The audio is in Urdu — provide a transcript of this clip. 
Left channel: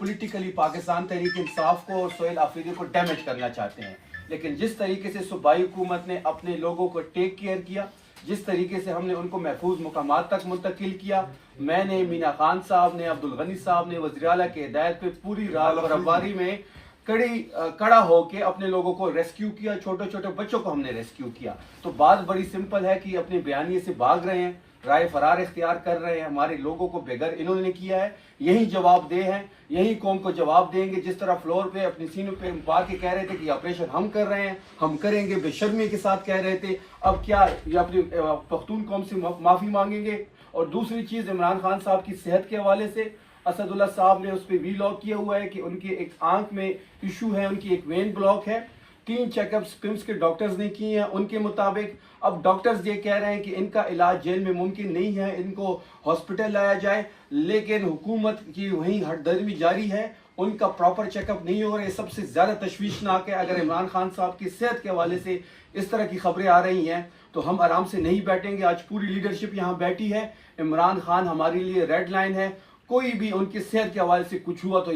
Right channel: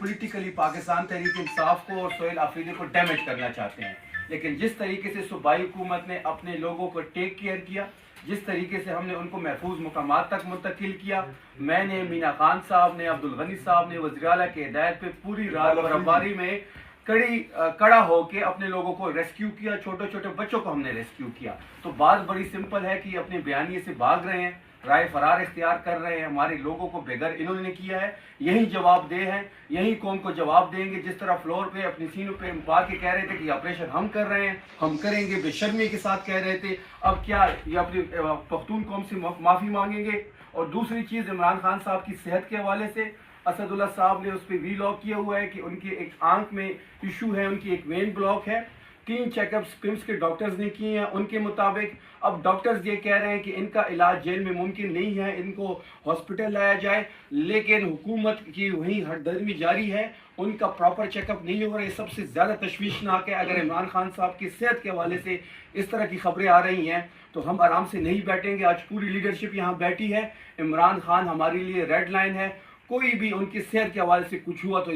پولیٹیکلی پاکستان تحریک انصاف کو اور سہیل آفریدی کو ڈیمیج کرنا چاہتے ہیں. لیکن جس طریقے سے صوبائی حکومت نے اپنے لوگوں کو ٹیک کیئر کیا, جس طریقے سے ہم نے ان کو محفوظ مقامات تک منتقل کیا, میں نے, مینا خان صاحب نے, عبدالغنی صاحب نے وزیر اعلیٰ کی ہدایت پہ پوری رات برفباری میں کڑا ہو کے اپنے لوگوں کو ریسکیو کیا, چھوٹے چھوٹے بچوں کو ہم نے ریسکیو کیا. تو بات بڑی سمپل ہے کہ اپنے بیانیے سے بھاگ رہے ہیں, رائے فرار اختیار کر رہے ہیں, ہمارے لوگوں کو بے گھر انہوں نے کیا ہے. یہی جواب دہ ہیں, یہی قوم کو جواب دیں گے. جس طرح فلور پہ اپنی سینوں پہ پا کے کہہ رہے تھے کہ یہ آپریشن ہم کر رہے ہیں, ہم کریں گے, بے شرمی کے ساتھ کہہ رہے تھے, اب کیا یہ اپنی پختون قوم سے معافی مانگیں گے؟ اور دوسری چیز, عمران خان صاحب کی صحت کے حوالے سے اسد اللہ صاحب نے اس پہ وی لاگ کیا ہوا ہے کہ ان کی ایک آنکھ میں ایشو ہے, ان کی ایک وین بلاک ہے. 3 چیک اپس پمس کے ڈاکٹرز نے کیے ہیں ان کے مطابق. اب ڈاکٹرز یہ کہہ رہے ہیں کہ ان کا علاج جیل میں ممکن نہیں ہے, ان کو ہاسپٹل لایا جائے, لیکن حکومت کی وہیں ہردرمی جاری ہے, ان کا پراپر چیک اپ نہیں ہو رہا ہے. سب سے زیادہ تشویشناک ہے. اگر عمران خان صاحب کی صحت کے حوالے سے اس طرح کی خبریں آ رہی ہیں تو ہم آرام سے نہیں بیٹھیں گے. آج پوری لیڈرشپ یہاں بیٹھی ہے. عمران خان ہمارے لیے ریڈ لائن ہے. کوئی بھی ان کی صحت کے حوالے سے کچھ ہوا تو